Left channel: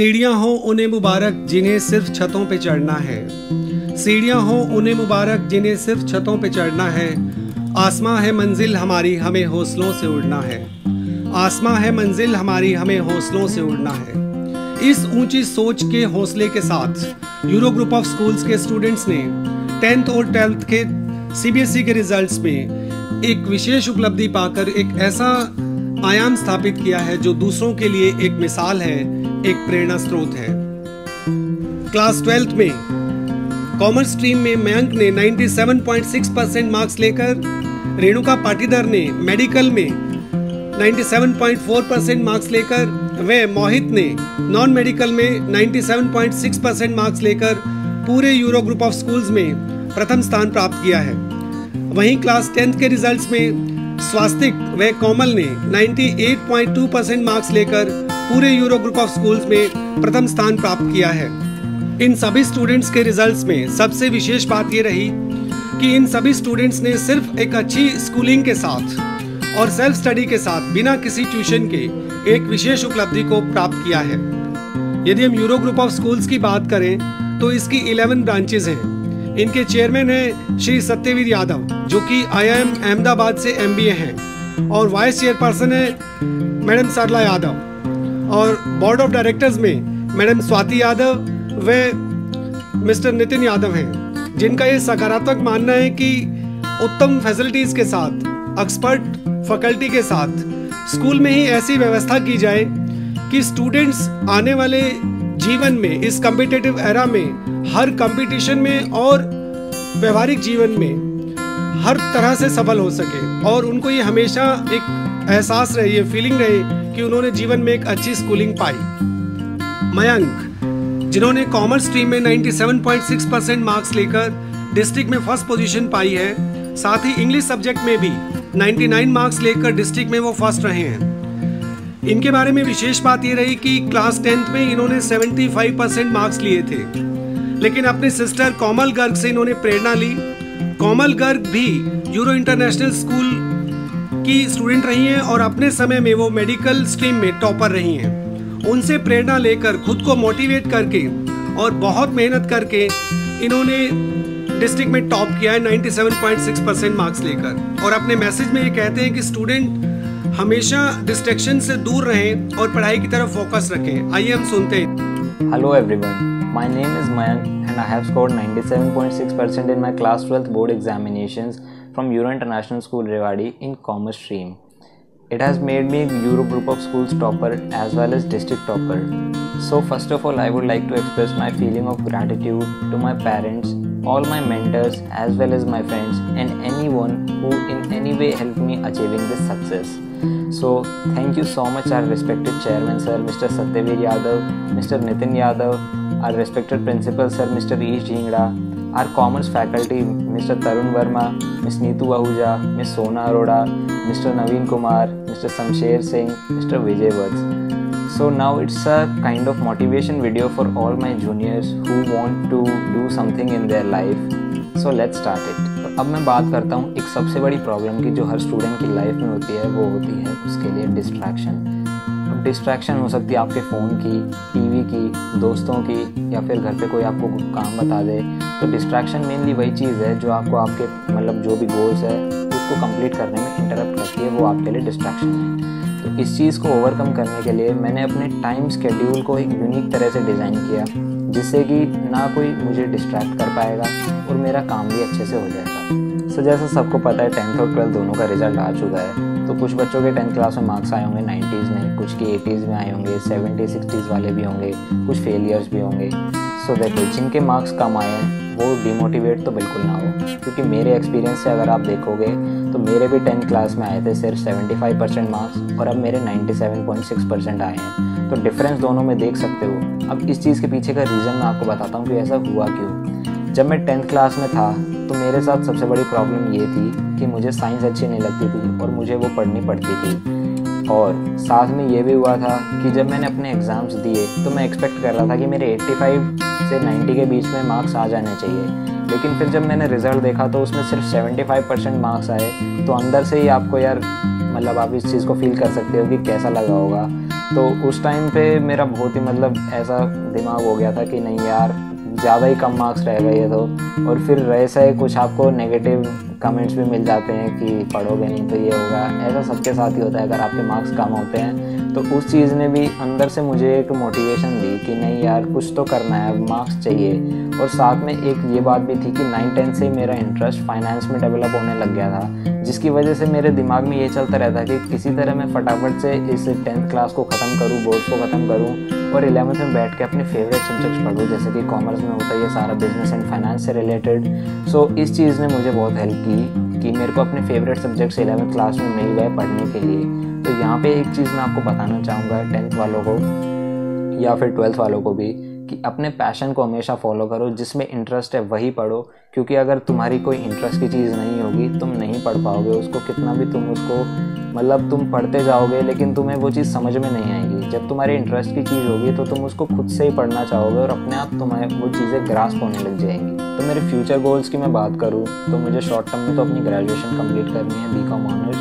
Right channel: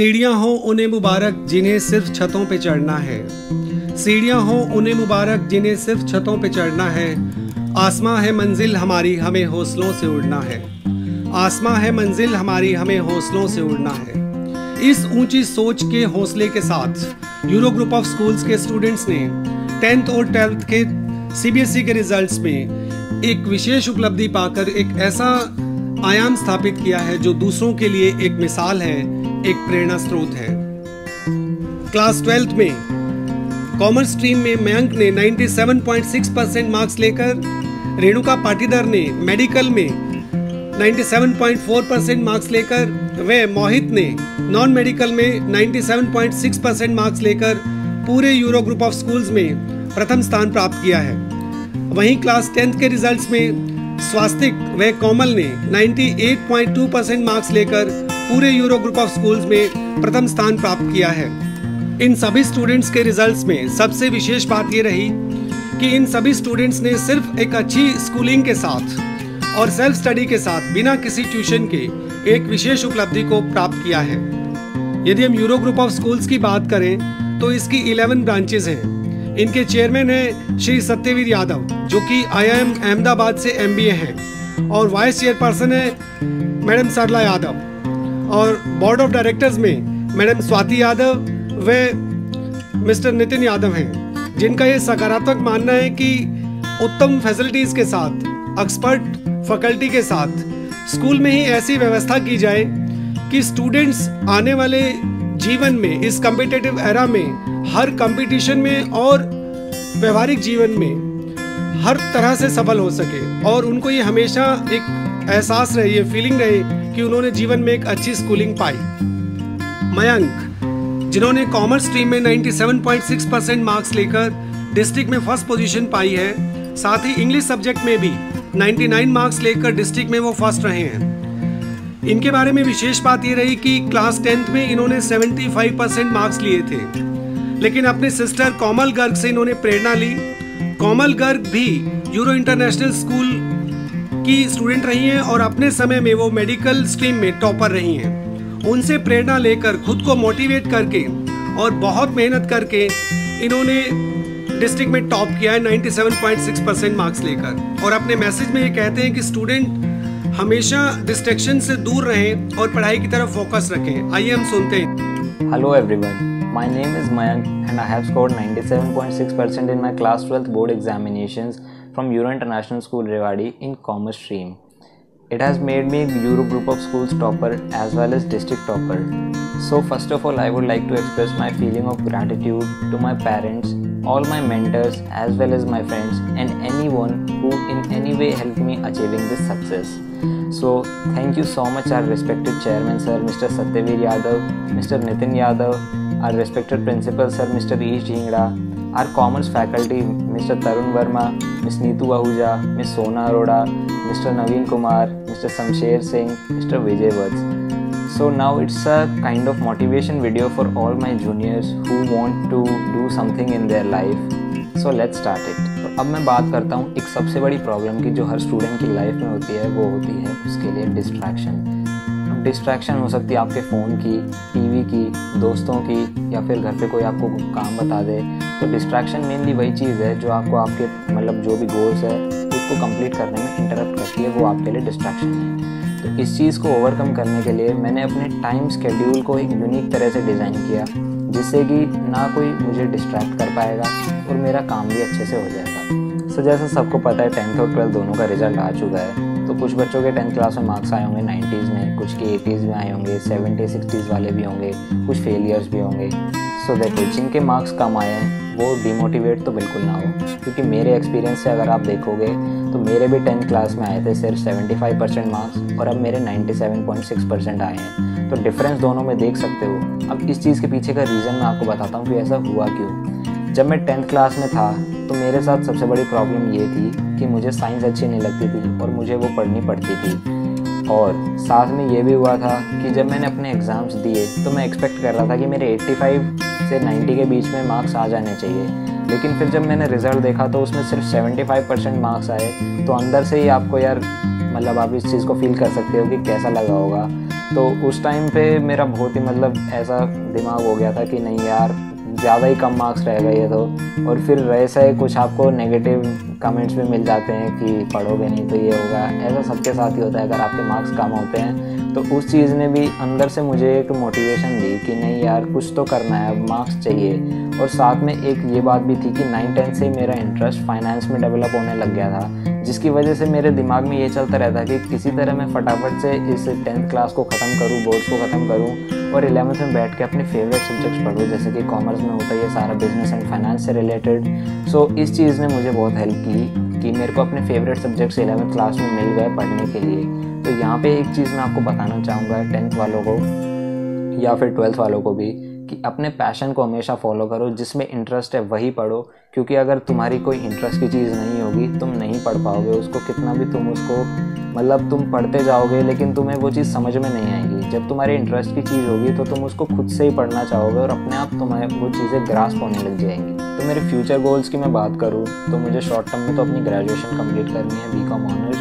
सीढ़ियाँ हों उन्हें मुबारक जिन्हें सिर्फ छतों पे चढ़ना है। सीढ़ियाँ हों उन्हें मुबारक जिन्हें सिर्फ छतों पे चढ़ना है। आसमां है मंजिल हमारी हमें हौसलों से उड़ना है। आसमां है मंजिल हमारी हमें हौसलों से उड़ना है। इस ऊंची सोच के हौसले के साथ यूरो ग्रुप ऑफ स्कूल्स के स्टूडेंट्स ने 10th और 12th के CBSE के रिजल्ट्स में एक विशेष उपलब्धि पाकर एक ऐसा आयाम स्थापित किया है जो दूसरों के लिए एक मिसाल है, एक प्रेरणा स्रोत है। क्लास 12th में कॉमर्स स्ट्रीम में मयंक ने 97.6% मार्क्स लेकर, रेणुका पाटीदार ने मेडिकल में 97.4% मार्क्स लेकर, व मोहित ने नॉन मेडिकल में 97.6% मार्क्स लेकर पूरे यूरो ग्रुप ऑफ स्कूल्स में प्रथम स्थान प्राप्त किया है। वहीं क्लास 10th के रिजल्ट्स में स्वास्तिक व कोमल ने 98.2% मार्क्स लेकर पूरे यूरो ग्रुप ऑफ स्कूल्स में प्रथम स्थान प्राप्त किया है। इन सभी स्टूडेंट्स के रिजल्ट्स में सबसे विशेष बात ये रही कि इन सभी स्टूडेंट्स ने सिर्फ एक अच्छी स्कूलिंग के साथ और सेल्फ स्टडी के साथ बिना किसी ट्यूशन के एक विशेष उपलब्धि को प्राप्त किया है। यदि हम यूरो ग्रुप ऑफ स्कूल्स की बात करें तो इसकी 11 ब्रांचेज हैं। इनके चेयरमैन हैं श्री सत्यवीर यादव, जो कि IIM अहमदाबाद से MBA हैं, और वाइस चेयरपर्सन है मैडम सरला यादव, और बोर्ड ऑफ डायरेक्टर्स में मैडम स्वाति यादव व मिस्टर नितिन यादव हैं, जिनका ये सकारात्मक मानना है कि उत्तम फैसिलिटीज़ के साथ, एक्सपर्ट फैकल्टी के साथ स्कूल में ही ऐसी व्यवस्था की जाए कि स्टूडेंट्स आने वाले जीवन में, इस कम्पिटिटिव एरा में, हर कंपटीशन में और व्यवहारिक जीवन में हर तरह से सफल हो सके, और उनको ये हमेशा एक एहसास रहे, ये फीलिंग रहे कि उन्होंने जीवन में एक अच्छी स्कूलिंग पाई। मयंक, जिन्होंने कॉमर्स स्ट्रीम में 97.6% मार्क्स लेकर डिस्ट्रिक्ट में फर्स्ट पोजीशन पाई है, साथ ही इंग्लिश सब्जेक्ट में भी 99 मार्क्स लेकर डिस्ट्रिक्ट में वो फर्स्ट रहे हैं। इनके बारे में विशेष बात ये रही कि क्लास 10th में इन्होंने 75% मार्क्स लिए थे, लेकिन अपने सिस्टर कोमल गर्ग से इन्होंने प्रेरणा ली। कोमल गर्ग भी यूरो इंटरनेशनल स्कूल की स्टूडेंट रही हैं और अपने समय में वो मेडिकल स्ट्रीम में टॉपर रही हैं। उनसे प्रेरणा लेकर, खुद को मोटिवेट करके और बहुत मेहनत करके इन्होंने डिस्ट्रिक्ट में टॉप किया है 97.6% मार्क्स लेकर, और अपने मैसेज में ये कहते हैं कि स्टूडेंट हमेशा डिस्ट्रैक्शन से दूर रहें और पढ़ाई की तरफ फोकस रखें। आइए हम सुनते हैं। Hello everyone, my name is Mayank and I have scored 97.6% in my class 12th board examinations from Euro International School Rewari in Commerce stream. It has made me Euro group of schools topper as well as district topper. So first of all, I would like to express my feeling of gratitude to my parents, all my mentors as well as my friends, and anyone who in any way helped me achieving this success. So thank you so much our respected chairman sir Mr. Satyavir Yadav, Mr. Nitin Yadav, our respected principal sir Mr. Ish Dhingra, our commerce faculty Mr. Tarun Verma, Ms. Neetu Ahuja, Ms. Sona Arora, Mr. Naveen Kumar, Mr. Samsher Singh, Mr. Vijay Vats. So now it's a kind of motivation video for all my juniors who want to do something in their life. So let's start it. तो अब मैं बात करता हूँ एक सबसे बड़ी problem की जो हर स्टूडेंट की लाइफ में होती है, वो होती है उसके लिए डिस्ट्रैक्शन। अब डिस्ट्रैक्शन हो सकती है आपके फ़ोन की, टीवी की, दोस्तों की, या फिर घर पे कोई आपको काम बता दे। तो डिस्ट्रैक्शन मेनली वही चीज़ है जो आपको आपके मतलब जो भी गोल्स है उसको कंप्लीट करने में इंटरप्ट करती है, वो आपके लिए डिस्ट्रैक्शन है। तो इस चीज़ को ओवरकम करने के लिए मैंने अपने टाइम स्केड्यूल को एक यूनिक तरह से डिज़ाइन किया, जिससे कि ना कोई मुझे डिस्ट्रैक्ट कर पाएगा और मेरा काम भी अच्छे से हो जाएगा। सो जैसा सबको पता है 10th और 12th दोनों का रिजल्ट आ चुका है। तो कुछ बच्चों के 10th क्लास में मार्क्स आए होंगे 90s में, कुछ के 80s में आए होंगे, 70s 60s वाले भी होंगे, कुछ फेलियर्स भी होंगे। सो देखो, जिनके मार्क्स कम आए हैं वो डिमोटिवेट तो बिल्कुल ना हो, क्योंकि मेरे एक्सपीरियंस से अगर आप देखोगे तो मेरे भी 10th क्लास में आए थे सिर्फ 75% मार्क्स, और अब मेरे 97.6% आए हैं। तो डिफरेंस दोनों में देख सकते हो। अब इस चीज़ के पीछे का रीज़न मैं आपको बताता हूँ कि ऐसा हुआ क्यों। जब मैं 10th क्लास में था तो मेरे साथ सबसे बड़ी प्रॉब्लम ये थी कि मुझे साइंस अच्छी नहीं लगती थी और मुझे वो पढ़नी पड़ती थी। और साथ में ये भी हुआ था कि जब मैंने अपने एग्ज़ाम्स दिए तो मैं एक्सपेक्ट कर रहा था कि मेरे 85 से 90 के बीच में मार्क्स आ जाने चाहिए, लेकिन फिर जब मैंने रिज़ल्ट देखा तो उसमें सिर्फ 75% मार्क्स आए। तो अंदर से ही आपको यार मतलब आप इस चीज़ को फील कर सकते हो कि कैसा लगा होगा। तो उस टाइम पे मेरा बहुत ही मतलब ऐसा दिमाग हो गया था कि नहीं यार, ज़्यादा ही कम मार्क्स रह गए तो। और फिर वैसे कुछ आपको नेगेटिव कमेंट्स भी मिल जाते हैं कि पढ़ोगे नहीं तो ये होगा, ऐसा सबके साथ ही होता है अगर आपके मार्क्स कम होते हैं। तो उस चीज़ ने भी अंदर से मुझे एक मोटिवेशन दी कि नहीं यार, कुछ तो करना है, मार्क्स चाहिए। और साथ में एक ये बात भी थी कि 9-10 से मेरा इंटरेस्ट फाइनेंस में डेवलप होने लग गया था, जिसकी वजह से मेरे दिमाग में ये चलता रहता कि किसी तरह मैं फटाफट से इस 10th क्लास को ख़त्म करूँ, बोर्ड्स को ख़त्म करूँ और 11th में बैठ के अपने फेवरेट सब्जेक्ट्स पढ़ूँ, जैसे कि कॉमर्स में होता है ये सारा बिजनेस एंड फाइनेंस से रिलेटेड। सो इस चीज़ ने मुझे बहुत हेल्प की कि मेरे को अपने फेवरेट सब्जेक्ट्स 11th क्लास में मिल गए पढ़ने के लिए। तो यहाँ पे एक चीज़ मैं आपको बताना चाहूँगा 10th वालों को या फिर 12th वालों को भी, कि अपने पैशन को हमेशा फॉलो करो, जिसमें इंटरेस्ट है वही पढ़ो। क्योंकि अगर तुम्हारी कोई इंटरेस्ट की चीज़ नहीं होगी, तुम नहीं पढ़ पाओगे उसको, कितना भी तुम उसको मतलब तुम पढ़ते जाओगे लेकिन तुम्हें वो चीज़ समझ में नहीं आएगी। जब तुम्हारे इंटरेस्ट की चीज़ होगी तो तुम उसको खुद से ही पढ़ना चाहोगे और अपने आप तुम्हें वो चीज़ें ग्रास्प होने लग जाएंगी। तो मेरे फ्यूचर गोल्स की मैं बात करूँ तो मुझे शॉर्ट टर्म में तो अपनी ग्रेजुएशन कंप्लीट करनी है, BCom ऑनर्स।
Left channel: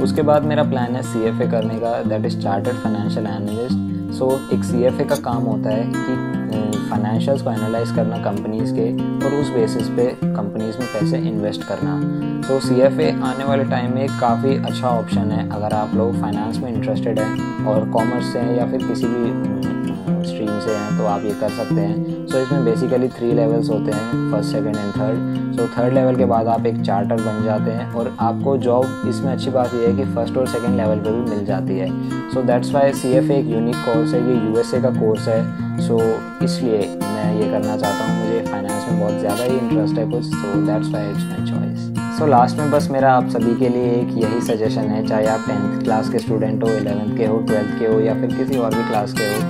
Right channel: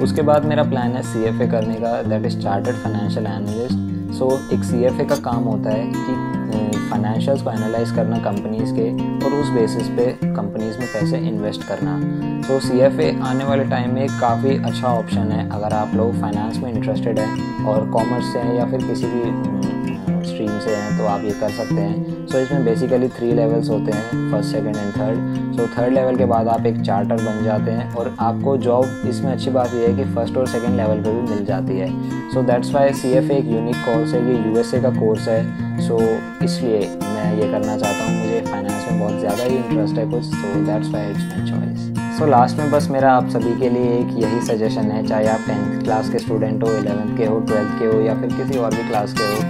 उसके बाद मेरा प्लान है CFA करने का, that is chartered financial analyst. So एक CFA का काम होता है कि फाइनेंशियल्स को एनालाइज करना कंपनीज़ के, और उस बेसिस पे कंपनीज़ में पैसे इन्वेस्ट करना। तो CFA आने वाले टाइम में काफ़ी अच्छा ऑप्शन है अगर आप लोग फाइनेंस में इंटरेस्टेड हैं और कॉमर्स से हैं या फिर किसी भी स्ट्रीम से हैं, तो आप ये कर सकते हैं। सो इसमें बेसिकली 3 लेवल्स होते हैं, first, second and third. So third level के बाद आप एक चार्टर बन जाते हैं और आपको जॉब, इसमें अच्छी बात यह है कि फर्स्ट और सेकंड लेवल पे भी मिल जाती है। सो दैट्स वाई CFA एक यूनिक कोर्स है, ये USA का कोर्स है। सो इसलिए मैं ये करना चाहता हूँ, मुझे फाइनेंस में बहुत ज़्यादा ही इंटरेस्ट है कुछ, so that's why it's my choice. So last में बस मेरा आप सभी के लिए एक यही सजेशन है, चाहे आप 10th क्लास के स्टूडेंट हो, 11th के हो, 12th के हो या फिर किसी और भी क्लास के हो।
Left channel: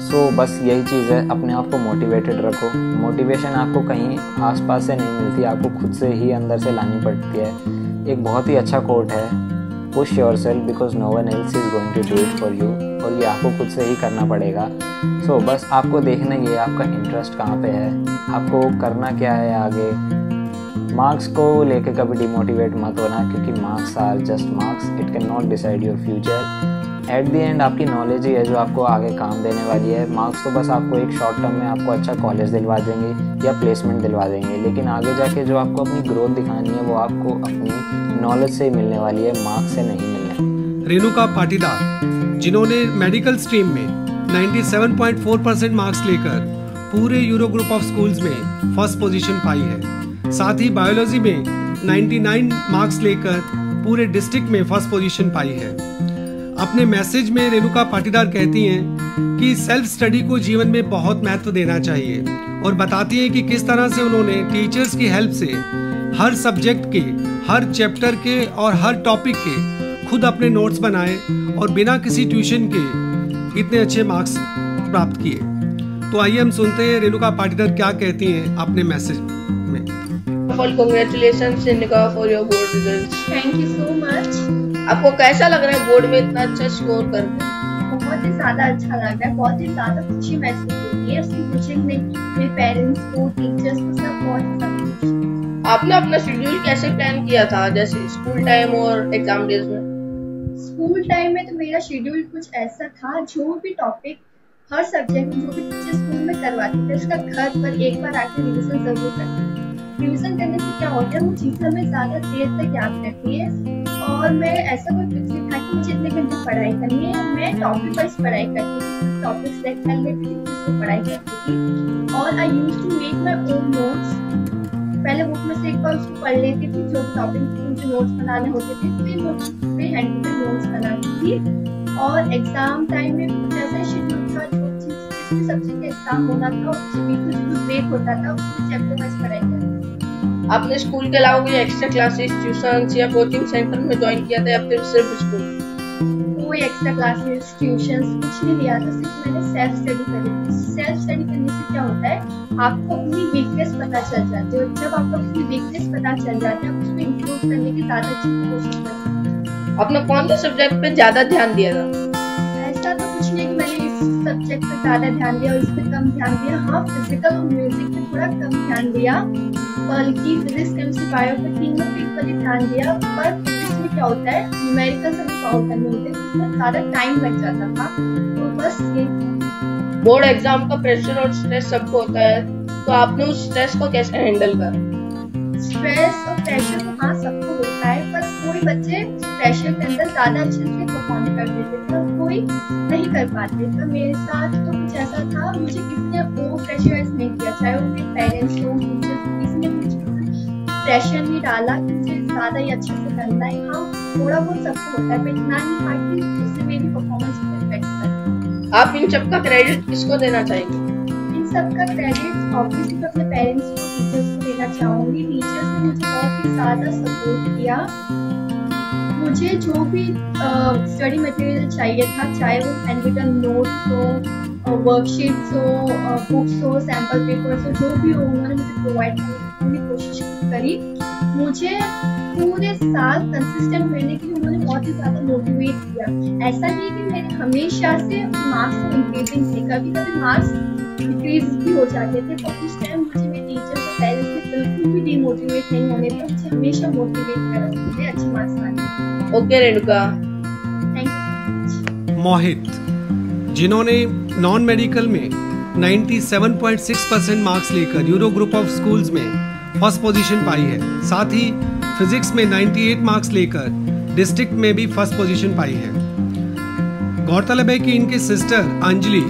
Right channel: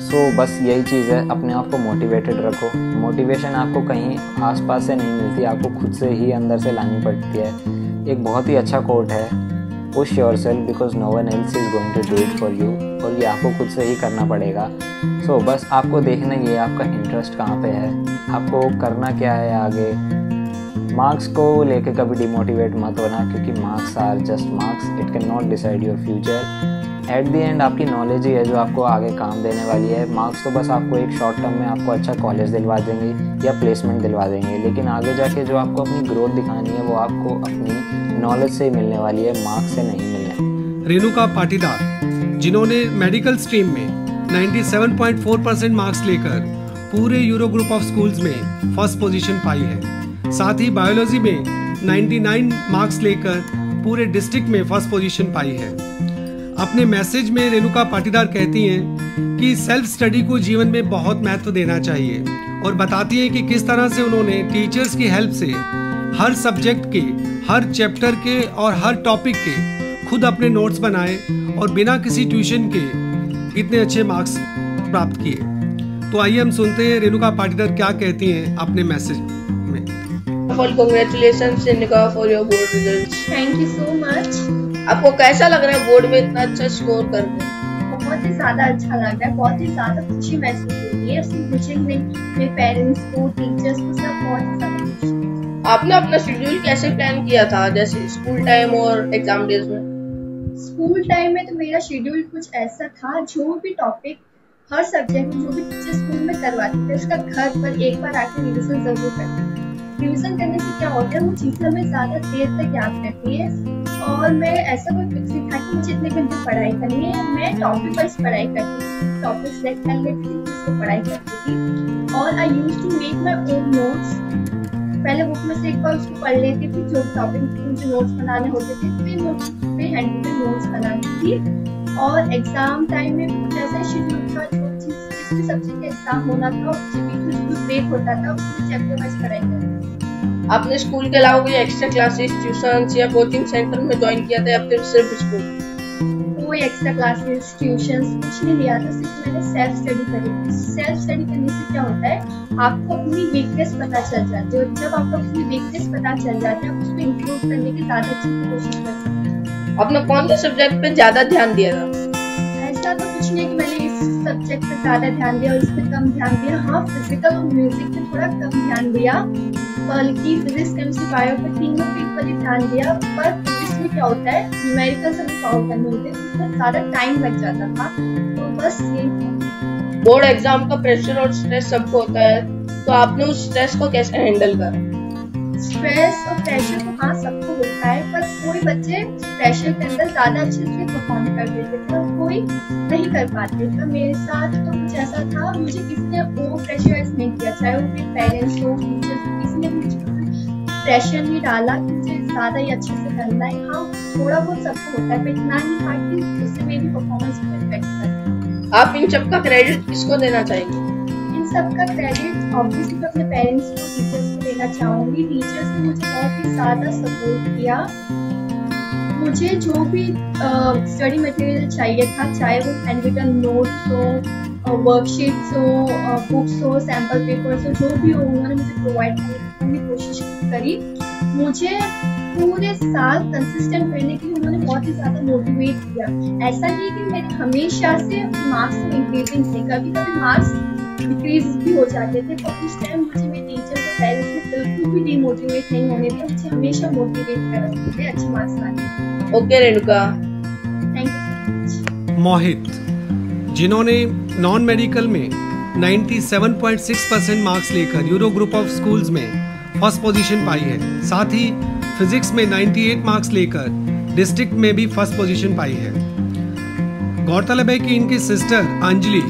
सो बस यही चीज़ है, अपने आप को मोटिवेटेड रखो। मोटिवेशन आपको कहीं आसपास से नहीं मिलती, आपको खुद से ही अंदर से लानी पड़ती है। एक बहुत ही अच्छा कोट है, push yourself because no one else is going to do it for you, और ये आपको खुद से ही करना पड़ेगा। सो बस आपको देखना ये आपका इंटरेस्ट कहाँ पे है, आपको करना क्या है आगे। मार्क्स को लेके कभी डिमोटिवेट मत होना, क्योंकि marks are just marks, it can not decide your future. At the end आपकी नॉलेज ही है जो आपको आगे काम देने वाली है। मार्क्स तो बस आपको एक शॉर्ट टर्म में आपको अच्छा कॉलेज दिलवा देंगे या प्लेसमेंट दिलवा देंगे, लेकिन आगे जाके जो आपको अपनी ग्रोथ दिखानी है वो आपको अपनी नॉलेज से ही मिलने वाली है, मार्क्स से नहीं मिलने। रेणुका पाटीदार, जिन्होंने मेडिकल स्ट्रीम में 97.4% मार्क्स लेकर पूरे यूरो ग्रुप ऑफ स्कूल्स में फर्स्ट पोजीशन पाई है, साथ ही बायोलॉजी में 99 मार्क्स लेकर पूरे डिस्ट्रिक्ट में फर्स्ट पोजीशन पाई है। अपने मैसेज में रेणुका पाटीदार कहती हैं कि सेल्फ स्टडी को जीवन में बहुत महत्व देना चाहिए, और बताती हैं कि किस तरह से उन्होंने टीचर्स की हेल्प से हर सब्जेक्ट के, हर चैप्टर के और हर टॉपिक के खुद अपने नोट्स बनाए और बिना किसी ट्यूशन के इतने अच्छे मार्क्स प्राप्त किए। तो आइए हम सुनते हैं रेणुका पाटीदार क्या कहती हैं अपने मैसेज में। Congratulations Renuka for your board results. Thank you so much. आपको कैसा लग रहा है बोर्ड में इतना अच्छा स्कोर करके? बहुत ही ज़्यादा अच्छा लग रहा है, बहुत ही ज़्यादा खुशी महसूस हो रही है। सिर्फ मुझे ही नहीं, मेरे पेरेंट्स को, टीचर्स को, सब बहुत ही ज़्यादा खुशी। आपने अपना शेड्यूल कैसे प्लान किया था, जैसे स्कूल टाइम और एग्जाम डेज में? स्कूल टाइम में तो मेरा शेड्यूल कुछ ऐसा था, जो भी टॉपिक हर सब्जेक्ट में जो भी टीचर स्कूल में करवाते थे उसका घर पर एक बार आके रिविजन जरूर करती थी। रिविजन करने से क्या होता है, वो चीज़ें हमें ज़्यादा देर तक याद रहती है। और मैं ऐसा कोई फिक्स था कि मुझे इतने घंटे पढ़ाई करनी है, मैं टॉपिक वाइज पढ़ाई करती थी, टॉपिक सेलेक्ट कर लेती थी, फिर उसको पढ़ाई करती थी। और I used to make my own notes. पहले बुक में से एक बार उसको पढ़ लेती थी, जो भी टॉपिक के मुझे नोट्स बनाने होते थे, फिर मैं फिर हैंड रिटन नोट्स बनाती थी। और एग्जाम टाइम में भी कुछ ऐसा शेड्यूल था, जो चीज़ जिस भी सब्जेक्ट का एग्जाम होना था, बीच में जो भी ब्रेक होता था उसमें चैप्टर वाइज पढ़ाई करती थी। आपने स्कूल के अलावा कोई एक्स्ट्रा क्लासेस, ट्यूशंस या कोचिंग सेंटर में ज्वाइन किया था या फिर सिर्फ स्कूल? कोई एक्स्ट्रा क्लासेस, ट्यूशंस कुछ नहीं लिया था, सिर्फ मैंने सेल्फ स्टडी करी थी। सेल्फ स्टडी करने से क्या होता है, आपको अपनी वीकनेस पता चल जाती है, और जब आपको अपनी वीकनेस पता चल जाती है, आप उसको इम्प्रूव करने की ज़्यादा अच्छे से कोशिश कर सकते हैं। आपने कौन से सब्जेक्ट पे ज़्यादा ध्यान दिया था? ऐसा तो कुछ नहीं कि मैंने इस सब्जेक्ट पे ज़्यादा ध्यान दिया और इस पे कम ध्यान दिया। हाँ, फिजिकल और म्यूजिक पे थोड़ा कम ध्यान दिया, बल्कि फिजिक्स, केमिस्ट्री, बायो पे तीनों पे इक्वली ध्यान दिया। पर फिजिक्स में क्या होता है, न्यूमेरिकल हमें सॉल्व करने होते हैं, उसमें ज़्यादा टाइम लग जाता था। तो बस यही था। बोर्ड एग्जाम का प्रेशर और स्ट्रेस सबको होता है, तो आपने उस स्ट्रेस को कैसे हैंडल करा? स्ट्रेस और प्रेशर तो हाँ सबको होता है, पर कोई बच्चे प्रेशर के अंदर ज़्यादा अच्छे से परफॉर्म कर देते थे और कोई नहीं कर पाते। तो मेरे साथ तो कुछ ऐसा था, मुझे किसी ने ओवर प्रेशराइज नहीं किया, चाहे वो मेरे पेरेंट्स हो, टीचर्स, किसी ने मुझे प्रेशर नहीं डाला कि मुझे ज़्यादा ही अच्छे से करना है। हाँ थोड़ा बहुत सबको होता है, पर इतना नहीं था कि उससे मेरी परफॉर्मेंस पर इफेक्ट करे। आप इन सब का क्रेडिट किसको देना चाहेंगे? इन सब का क्रेडिट ऑब्वियसली मैं अपने पेरेंट्स को, टीचर्स को देना चाहूँगी। टीचर्स ने मुझे बहुत ही ज़्यादा सपोर्ट किया। मुझे जो भी स्टडी मटेरियल चाहिए था, चाहे वो हैंड रिटन नोट्स हो, वर्कशीट्स हो, बुक्स हो, सैम्पल पेपर्स हो, जो भी हो, उन्होंने मुझे प्रोवाइड करने की पूरी कोशिश करी। मुझे पूरे साल कंसिस्टेंट रहने के लिए उन्होंने बहुत ही ज़्यादा मोटिवेट किया। ऐसा नहीं कि मेरे हमेशा से मार्क्स तो इंक्रीजिंग थे, कभी कभी मार्क्स डिक्रीज भी हो जाते थे, पर उस टाइम मुझे मेरे टीचर्स और पेरेंट्स ने बिल्कुल भी डीमोटिवेट नहीं होने दिया। मुझे हमेशा मोटिवेट करा उन्होंने अच्छे मार्क्स लाने। Okay Renuka, thank you so much. Mohit, जिन्होंने नॉन मेडिकल में 97.6% मार्क्स लेकर यूरो ग्रुप ऑफ स्कूल्स में फर्स्ट पोजीशन पाई है, साथ ही फिजिक्स में 98 मार्क्स लेकर डिस्ट्रिक्ट में भी फर्स्ट पोजीशन पाई है। गौरतलब है कि इनकी सिस्टर अंजलि,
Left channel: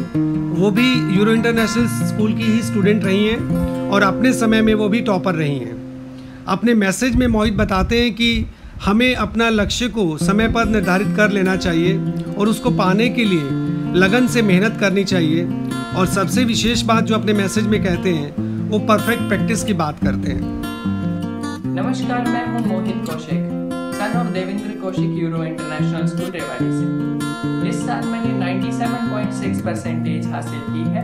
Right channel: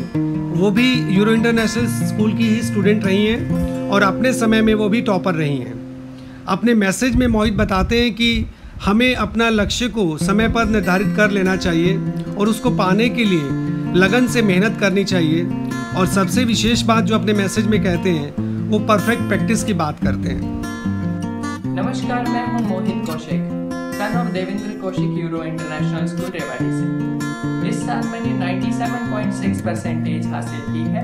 वो भी यूरो इंटरनेशनल स्कूल की ही स्टूडेंट रही हैं और अपने समय में वो भी टॉपर रही हैं। अपने मैसेज में मोहित बताते हैं कि हमें अपना लक्ष्य को समय पर निर्धारित कर लेना चाहिए और उसको पाने के लिए लगन से मेहनत करनी चाहिए। और सबसे विशेष बात जो अपने मैसेज में कहते हैं, वो परफेक्ट प्रैक्टिस की बात करते हैं। नमस्कार, मैं हूं Mohit Kaushik, son of Devendra Kaushik, Euro international school Rewari से। इस साल मैंने 97.6% हासिल की है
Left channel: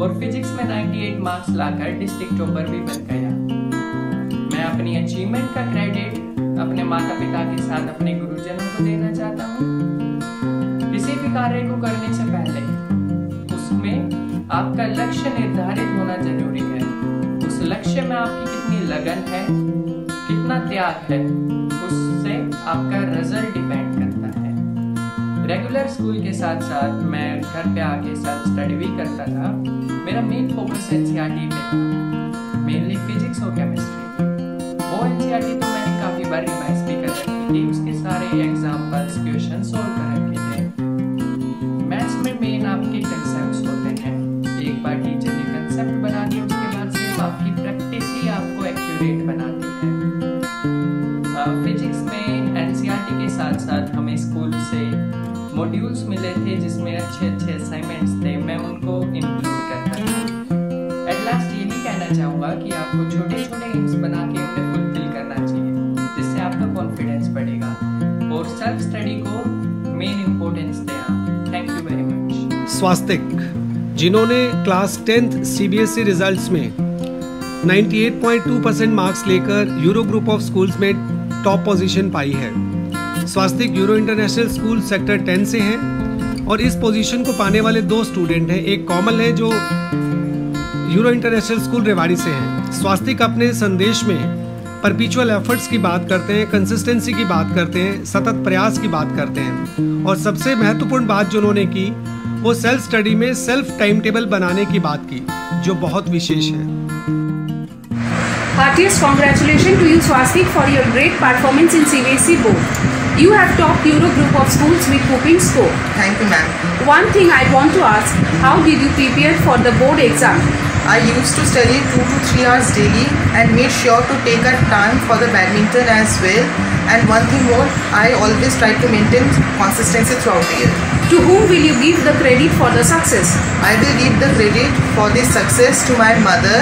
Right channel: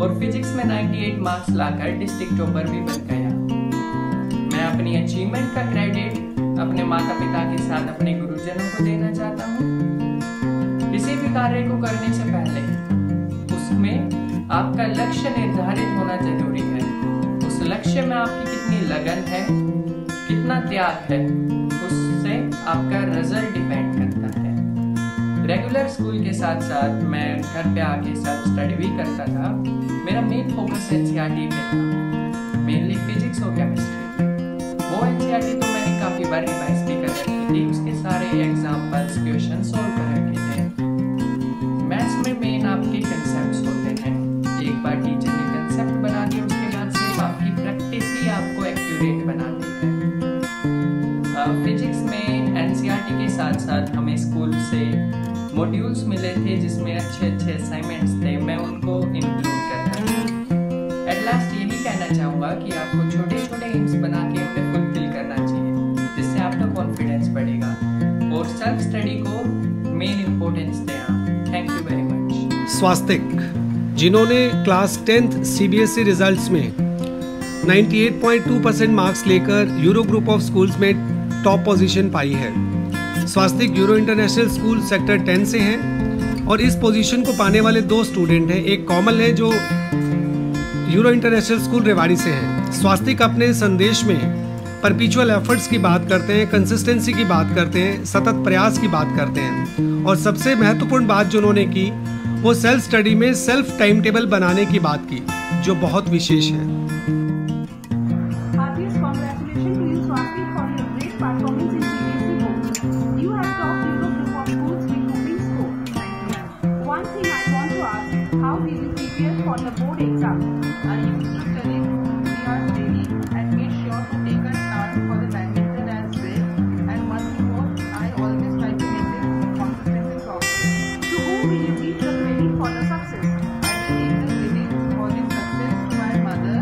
और फिजिक्स में 98 मार्क्स लाकर डिस्ट्रिक्ट टॉपर भी बन गया। मैं अपनी अचीवमेंट का क्रेडिट अपने माता पिता के साथ अपने गुरुजनों को देना चाहता हूँ। किसी भी कार्य को करने से पहले उसमें आपका लक्ष्य निर्धारित होना जरूरी है। उस लक्ष्य में आपकी कितनी लगन है, कितना त्याग है, उससे आपका रिजल्ट डिपेंड करता है। रेगुलर स्कूल के साथ साथ मैं घर पे आके सेल्फ स्टडी भी करता था। मेरा मेन फोकस एनसीईआरटी पे था, मेनली फिजिक्स और केमिस्ट्री की। वो एनसीईआरटी तो मैंने काफ़ी बार रिवाइज भी कर रखी थी, उसके सारे एग्जाम्पल्स, क्वेश्चन सॉल्व कर रखे थे। मैथ्स में मेन आपके कंसेप्ट्स होते हैं। एक बार टीचर ने कंसेप्ट बना दिया, उसके बाद सिर्फ आपकी प्रैक्टिस ही आपको एक्यूरेट बनाती है। फिजिक्स में एनसीईआरटी के साथ साथ हमें स्कूल से मॉड्यूल्स मिले थे जिसमें अच्छे अच्छे असाइनमेंट्स थे, मैं उनको इंक्लूड करता था। एट लास्ट यही कहना चाहूँगा कि आपको छोटे छोटे एम्स बना के उन्हें फुलफिल करना चाहिए, जिससे आपका कॉन्फिडेंस बढ़ेगा और सेल्फ स्टडी को मेन इम्पोर्टेंस दें आप। Thank you very much. Swastik, जिन्होंने क्लास 10th CBSE रिजल्ट्स में 98.2% मार्क्स लेकर यूरो ग्रुप ऑफ स्कूल्स में टॉप पोजीशन पाई है। Swastik Euro international school sector 10 से हैं और इस पोजीशन को पाने वाले 2 स्टूडेंट हैं। एक कोमल है जो यूरो इंटरनेशनल स्कूल रेवाड़ी से हैं। स्वास्तिक अपने संदेश में परपिचुअल एफर्ट्स की बात करते हैं, कंसिस्टेंसी की बात करते हैं, सतत प्रयास की बात करते हैं और सबसे महत्वपूर्ण बात जो उन्होंने की, वो सेल्फ स्टडी में सेल्फ टाइम टेबल बनाने की बात की, जो बहुत विशेष है। Heartiest congratulations to you, Swastik, for your great performance in CBSE board. You have topped Euro group of schools with whopping score. Thank you, ma'am. One thing I want to ask, how did you prepare for the board exam? I used to study 2 to 3 hours daily and made sure to take a time for the badminton as well. And one thing more, I always try to maintain consistency throughout the year. To whom will you give the credit for the success? I will give the credit for this success to my mother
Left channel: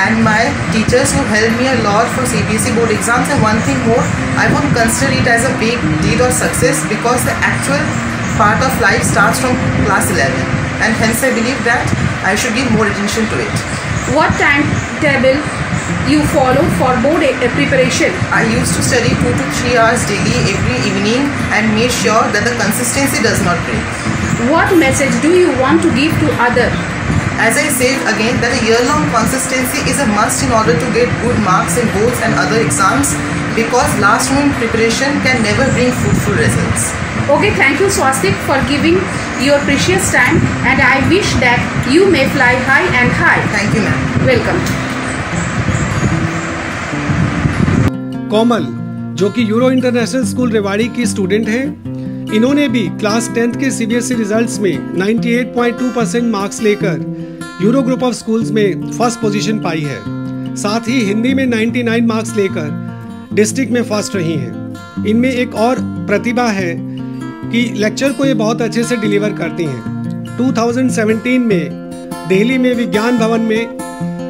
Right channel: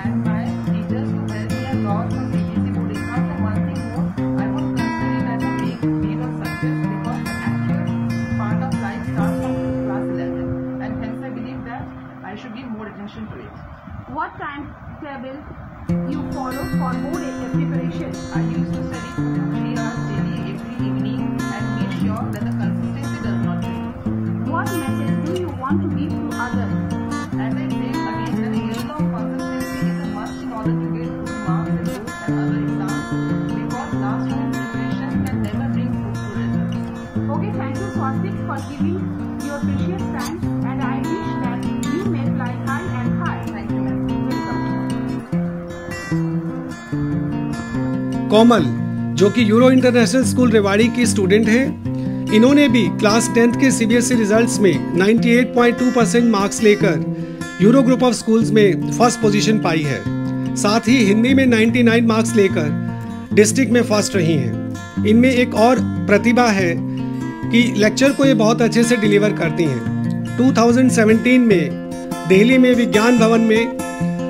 and my teachers who helped me a lot for CBSE board exams. And one thing more, I won't consider it as a big deal or success because the actual part of life starts from class 11. And hence I believe that I should give more attention to it. What timetable you follow for board preparation? I used to study 2 to 3 hours daily every evening and made sure that the consistency does not break. What message do you want to give to others? As I said again, that a year-long consistency is a must in order to get good marks in boards and other exams, because last-moment preparation can never bring fruitful results. Okay, thank you Swastik for giving your precious time, and I wish that you may fly high and high. Thank you, ma'am. Welcome. कोमल, जो कि euro international school Rewari की student हैं, इन्होंने भी class 10th के CBSE results में 98.2% marks लेकर Euro group of schools में फर्स्ट पोजीशन पाई है। साथ ही हिंदी में 99 मार्क्स लेकर डिस्ट्रिक्ट में फर्स्ट रही हैं। इनमें एक और प्रतिभा है कि लेक्चर को ये बहुत अच्छे से डिलीवर करती हैं। 2017 में दिल्ली में विज्ञान भवन में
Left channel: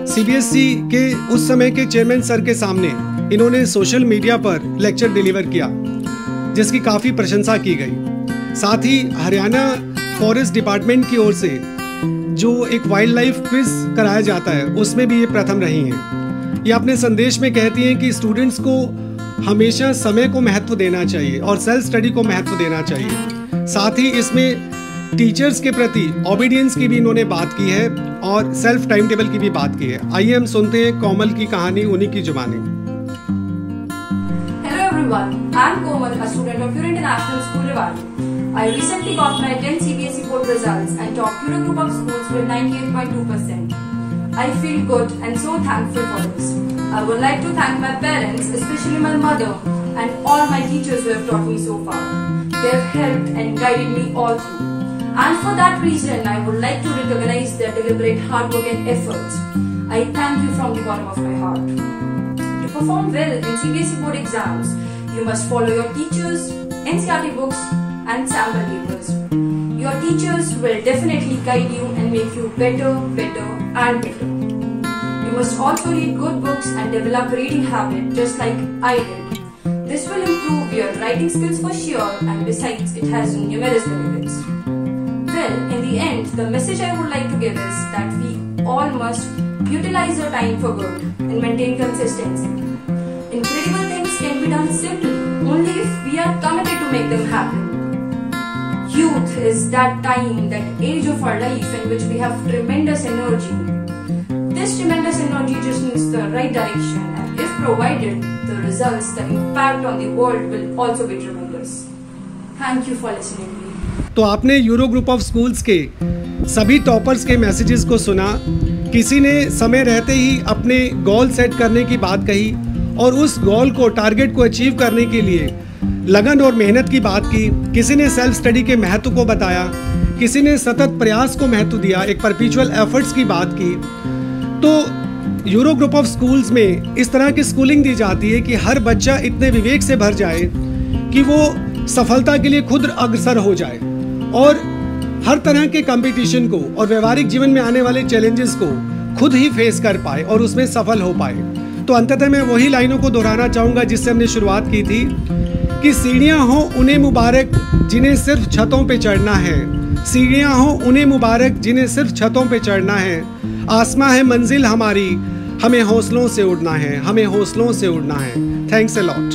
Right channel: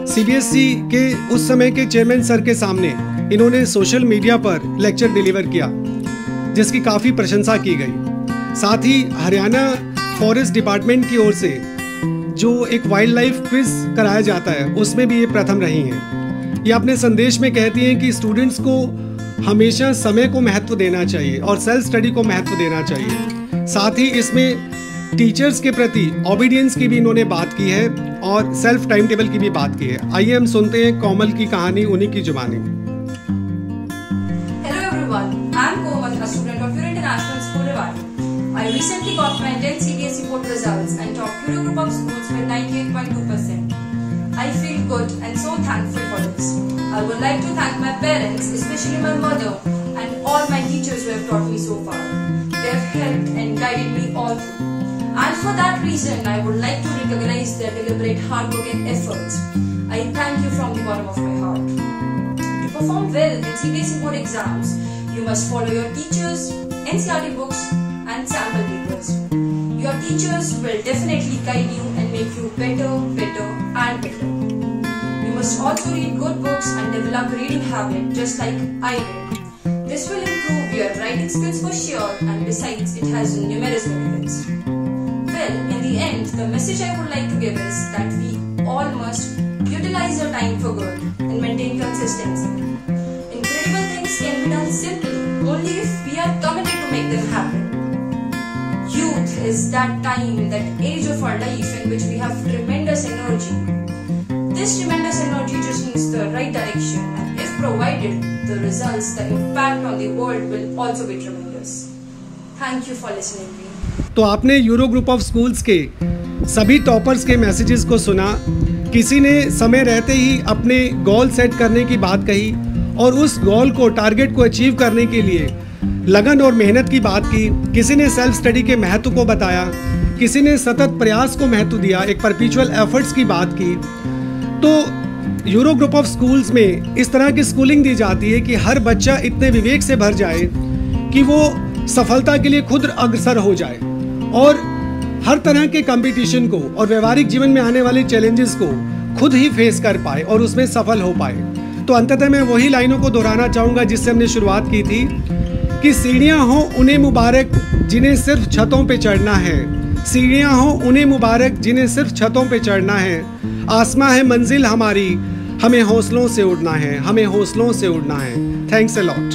CBSE के उस समय के चेयरमैन सर के सामने इन्होंने सोशल मीडिया पर लेक्चर डिलीवर किया, जिसकी काफ़ी प्रशंसा की गई। साथ ही हरियाणा फॉरेस्ट डिपार्टमेंट की ओर से जो एक वाइल्ड लाइफ क्विज़ कराया जाता है, उसमें भी ये प्रथम रही हैं। ये अपने संदेश में कहती हैं कि स्टूडेंट्स को हमेशा समय को महत्व देना चाहिए और सेल्फ स्टडी को महत्व देना चाहिए। साथ ही इसमें टीचर्स के प्रति ओबीडियंस की भी इन्होंने बात की है और सेल्फ टाइम टेबल की भी बात की है। आइए हम सुनते हैं कोमल की कहानी उन्हीं की जुबानी। Hello everyone, I am Komal, a student of Euro International School Rewari. I recently got my 10th CBSE board results and topped Euro group of schools with 98.2%. I feel good and so thankful for this. I would like to thank my parents, especially my mother, and all my teachers who have taught me so far. They have helped and guided me all through. And for that reason, I would like to recognize their deliberate hard work and efforts. I thank you from the bottom of my heart. To perform well in CBSE board exams, you must follow your teachers, NCERT books, and sample papers. Your teachers will definitely guide you and make you better and better. You must also read good books and develop reading habit just like I did. This will improve your writing skills for sure, and besides it has numerous benefits. Well, in the end, the message I would like to give is that we all must utilize your time for good and maintain consistency. Incredible things can be done simply only if we are committed to make them happen. Youth is that time, that age of our life in which we have tremendous energy. This tremendous energy just needs the right direction, and if provided, the results, the impact on the world will also be tremendous. Thank you for listening to me. तो आपने euro group of schools के सभी toppers के messages को सुना। किसी ने समय रहते ही अपने गोल सेट करने की बात कही और उस गोल को, टारगेट को अचीव करने के लिए लगन और मेहनत की बात की। किसी ने सेल्फ स्टडी के महत्व को बताया, किसी ने सतत प्रयास को महत्व दिया, एक परपीचुअल एफर्ट्स की बात की। तो यूरो ग्रुप ऑफ स्कूल्स में इस तरह की स्कूलिंग दी जाती है कि हर बच्चा इतने विवेक से भर जाए कि वो सफलता के लिए खुद अग्रसर हो जाए और हर तरह के कंपटीशन को और व्यवहारिक जीवन में आने वाले चैलेंजेस को खुद ही फेस कर पाए और उसमें सफल हो पाए। तो अंततः मैं वही लाइनों को दोहराना चाहूँगा जिससे हमने शुरुआत की थी कि सीढ़ियाँ हों उन्हें मुबारक जिन्हें सिर्फ छतों पे चढ़ना है, सीढ़ियाँ हों उन्हें मुबारक जिन्हें सिर्फ छतों पे चढ़ना है। आसमां है मंजिल हमारी, हमें हौसलों से उड़ना है, हमें हौसलों से उड़ना है। Thanks a lot.